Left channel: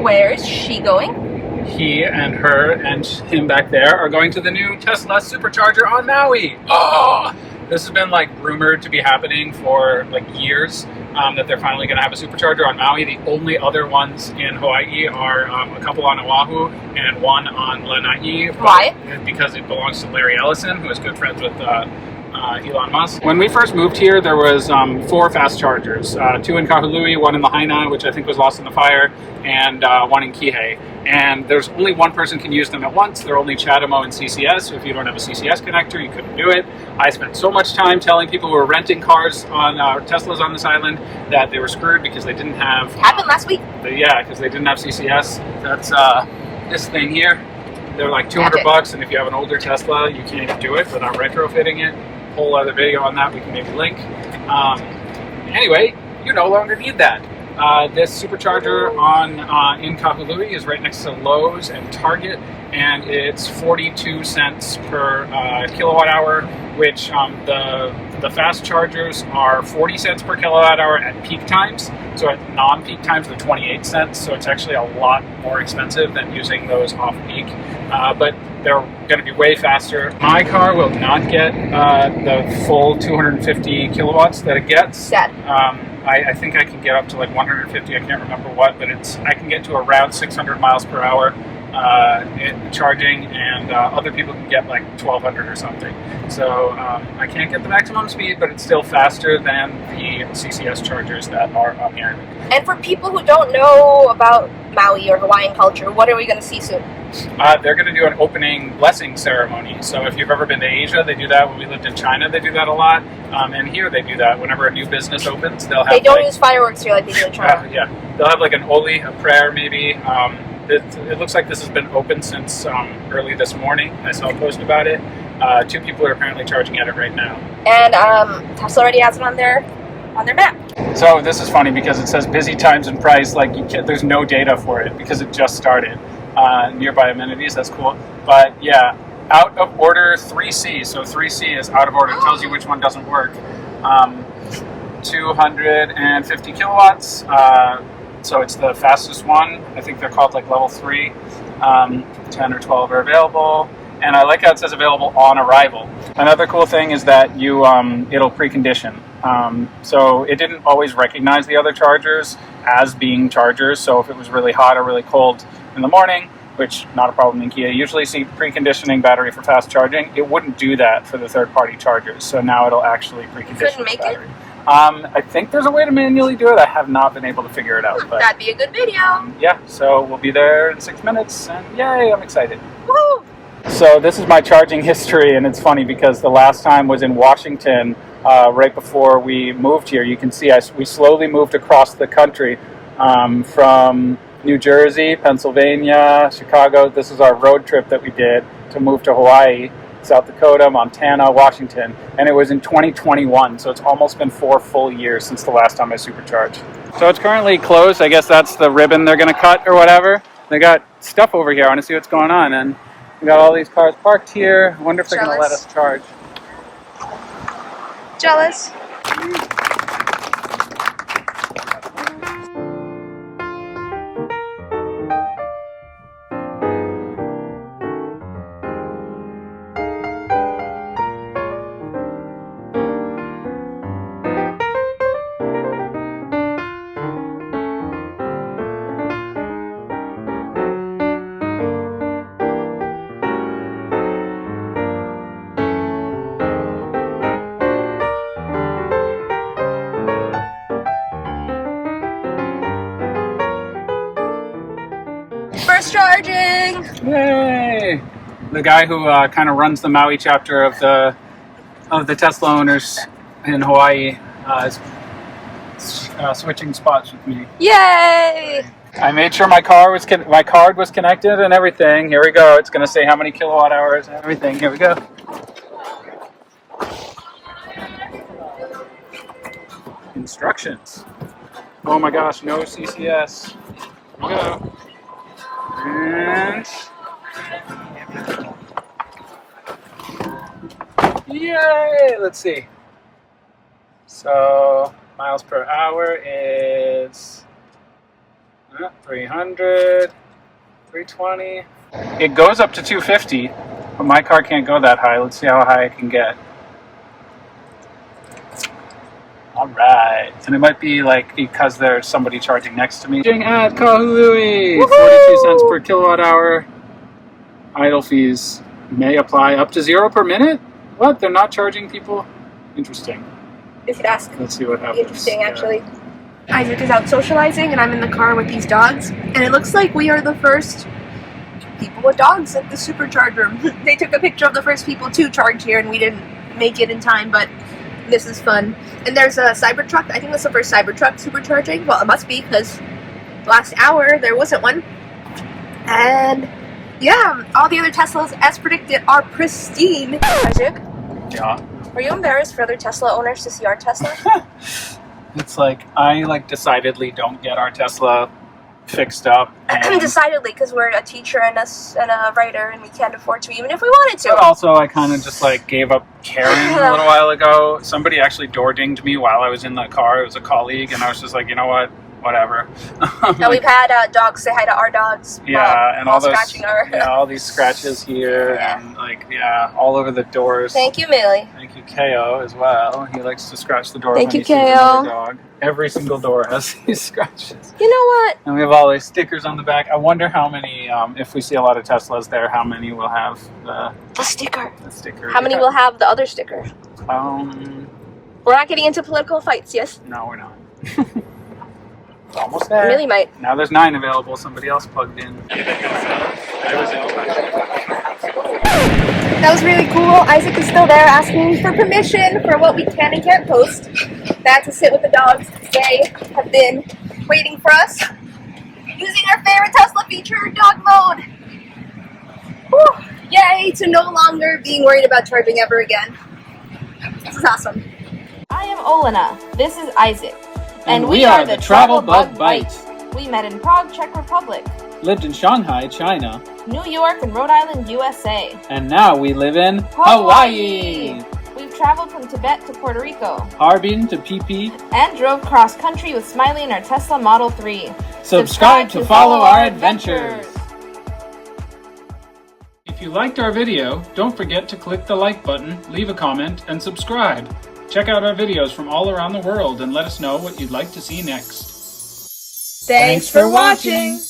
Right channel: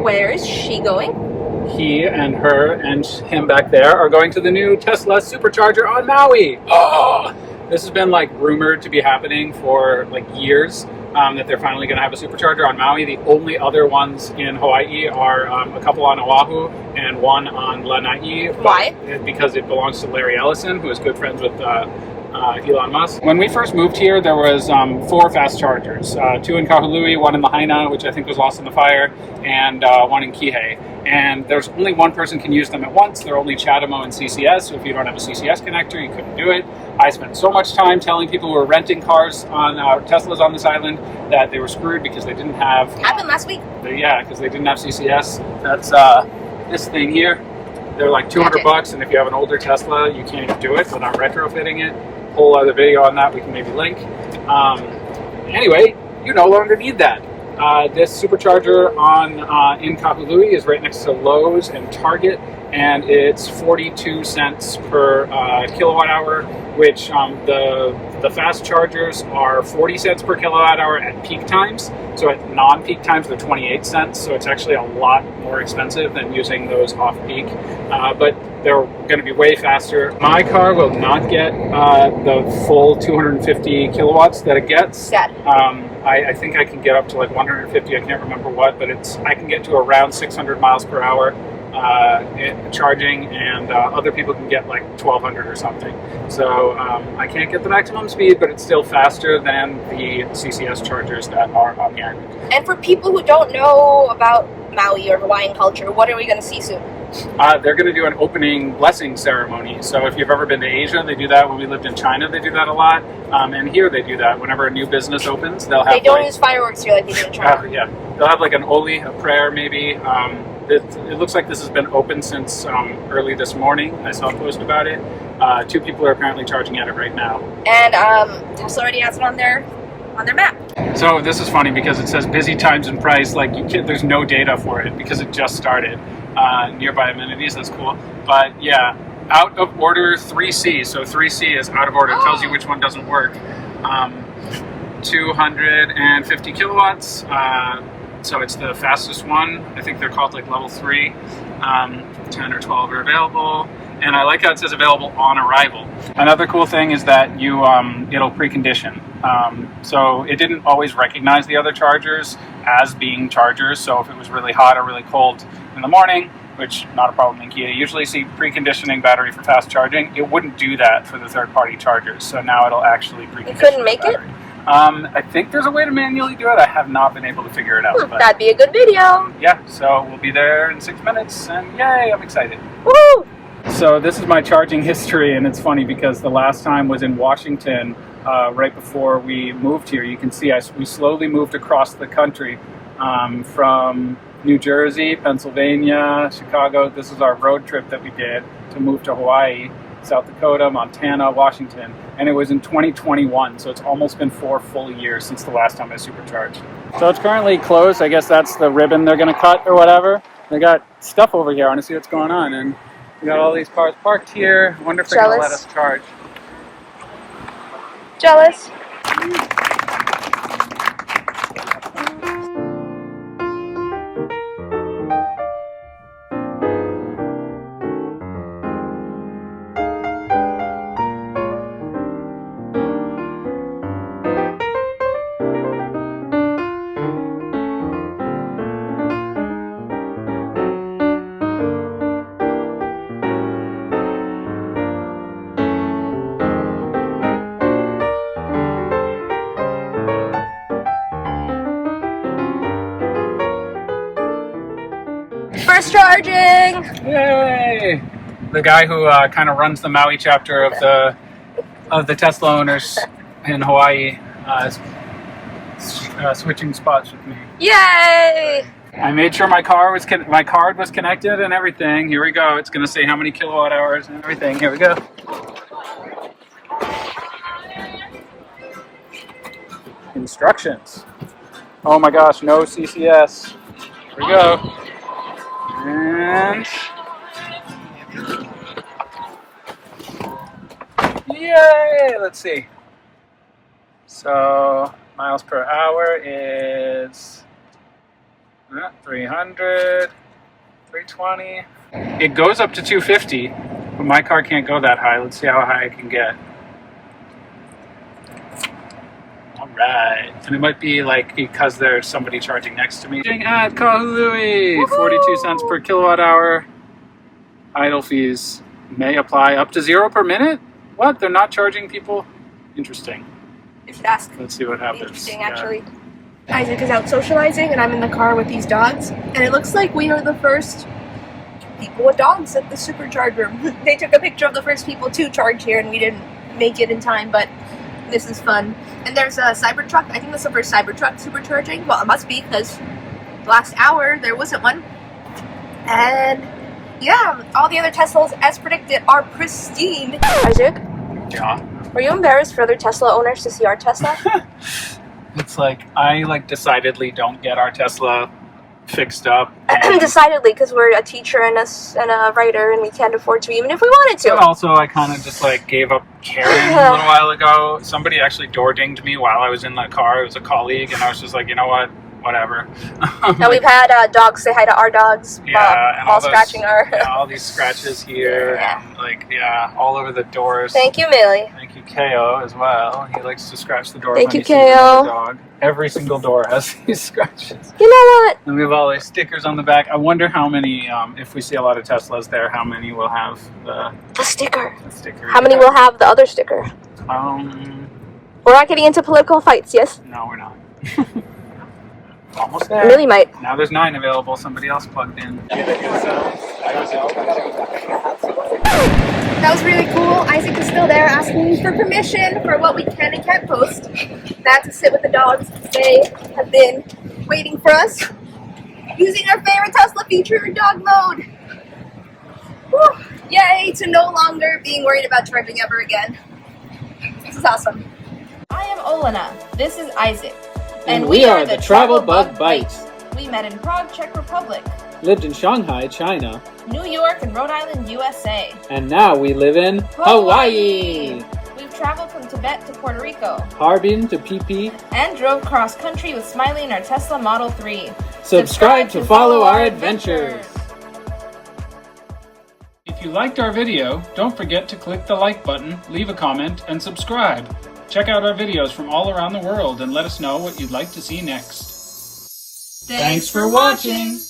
Where is she going? He and her and him back there are going to the new Tesla Supercharger on Maui. Oh! This has been like rumored to be happening for like years, that they're finally going to have a supercharger on Maui. The only other ones in Hawaii are a couple on Oahu and one on Lanai. Why? Because it belongs to Larry Ellison, who is good friends with Elon Musk. When we first moved here, there was 4 fast chargers, 2 in Kahului, 1 in the Āina, which I think was lost in the fire, and 1 in Kihei. And there's only one person can use them at once. They're only CHAdeMO and CCS, so if you don't have a CCS connector, you couldn't do it. I spent so much time telling people who were renting cars on Teslas on this island that they were screwed because they didn't have... Happened last week. Yeah, because they didn't have CCS. That's this thing here. They're like $200, and if you have an older Tesla, you can't even do it without retrofitting it. Whole other video on that we can maybe link. Anyway, you no longer need that. This supercharger on in Kahului is right next to Lowe's and Target, and it's 42 cents per kilowatt hour, which the fast chargers are 40 cents per kilowatt hour at peak times. So at non-peak times, they're 28 cents. So it's actually a lot more expensive than using those off-peak. But they're going to be way faster. My car will not get the full 250 kilowatts that it gets. Sad. I think I can get up to like 150. I can't remember what, but I can get to around 600 miles per hour in charging, and other people can get like 1200 or something. So I can't get the maximum speed, but it's still faster than the CCS chargers that are on the island. And for people who don't know about Maui or Hawaiian culture, what are we going to see soon? They're going to do an opening blessing ceremony. So if you've ever been to Asia, they do that. When we lived in China, they do that a lot. And here they do that. Whenever a new business opens, they'll have... They don't use fireworks here like they do in China. Yeah. They'll have like an oli, a prayer maybe. It looks like this has been open since early this morning. I saw a post about it. 2 people are apparently charging at it right now. And Tesla already has it on their map. So this is funny because it says busy times and price. Like there's no data for it because it just started. Nearby amenities, that's cool. But yeah, out of order 3C. So 3C is out of order. It tells you which one doesn't work. 250 kilowatts. So it's the fastest one. I think they're called like level 3. 10 or 12 are available. And I like how it says available on arrival. Another cool thing is that it'll precondition. So it didn't always recognize the other chargers as being chargers. So if it was really hot or really cold in the morning, which not a problem in Kia, usually see preconditioning battery for fast charging, it wouldn't do that for the third-party chargers. So now it'll actually precondition. You couldn't make it? I think there's a way to manually do it. I have not been able to figure it out. But, that'd be a good video. Yeah, so we'll be there in 6 minutes, and yay, I'm excited. Woo! So this is my charging history, and it's funny because the last time was in Washington, right before we moved here. You can see we slowly moved across the country from New Jersey, Pennsylvania, Chicago. This is our road trip that we did to move to Hawaii, South Dakota, Montana, Washington, and it was in 2021, so it's almost been 4 full years since the last time I supercharged. So it's currently closed. I guess that's the ribbon they're going to cut or whatever. They got stuff over here. I want to see what's going on, and we got all these cars parked here. I wonder if they're going to let us charge. Jealous. First charging! Yay! The guy who kind of runs the Maui chapter of the Tesla owners in Hawaii is switching spots with me. Yay! I made sure my card was connected and everything. Here we go. It's going to say how many kilowatt hours and everything. Here we go. Instructions. Oh my gosh, no CCS. Here we go. And yay! Let's see. So miles per hour is 300, 320. It goes up to 250, but my car can't go that high. Let's see how high I can get. All right, and it might be like because there's somebody charging next to me. At Kahului, 42 cents per kilowatt hour. Idle fees may apply up to 0 per minute. What? They're not charging people? Interesting. You should ask. Let's see what happens. Interesting, actually. Isaac is out socializing, and I'm in the car with these dogs, and it looks like we are the first people with dogs at the Supercharger. They took a picture of the first people to charge here, and we didn't make it in time, but this is fun. And there's a Cybertruck. I think that's the first Cybertruck supercharging. Well, it must be, because last hour there wasn't one. And yeah, all the other Teslas, as predicted, are pristine. Isaac? Yeah. Are you embarrassed for other Tesla owners to see our Tesla? It's like, I decidedly don't get our Tesla fixed up. Decidedly, because we're a teacher and a writer, and we can't afford to, even if we wanted to. But also, I kind of just gave up caring a little while ago. Somebody actually door dinged me while I was in the car. It was a colleague, and I was just like, you know what? Whatever. And we've had dogs say hi to our dogs while scratching our... Yeah, all these scratches here, yeah. and all over the doors. Thank you, Millie. Thank you, Ko, as well. He likes to scratch the doors Thank when you, he sees another Ko. dog. Every single door has these scratches. You know what? And we have all these stickers on the back. I wonder how many, if we see a lot of Teslas there, how many will have the sticker. The sticker. How many will have the other sticker? We're not getting into political fights, yes? No, we're not. Almost there. Millie might. Now there's 9 available. Somebody else plugged in. That was really cool. Isaac is still there asking for permission for what we can and can't post. Back to sit with the dogs. They have been waiting for us, using our favorite Tesla feature, dog mode. Whew. Yay to no longer being worried about charging ever again. This is awesome. I am Olena. This is Isaac. And we are the TravelBugBite. We met in Prague, Czech Republic. Lived in Shanghai, China. New York and Rhode Island, USA. And now we live in Hawaii. We've traveled from Tibet to Puerto Rico. Harbin to PP. And drove cross country with Smiley in our Tesla Model 3. Subscribe to follow our adventures. If you liked our video, don't forget to click the like button, leave a comment, and subscribe. Check out our videos from all around the world and let us know what you'd like to see next. Thanks for watching.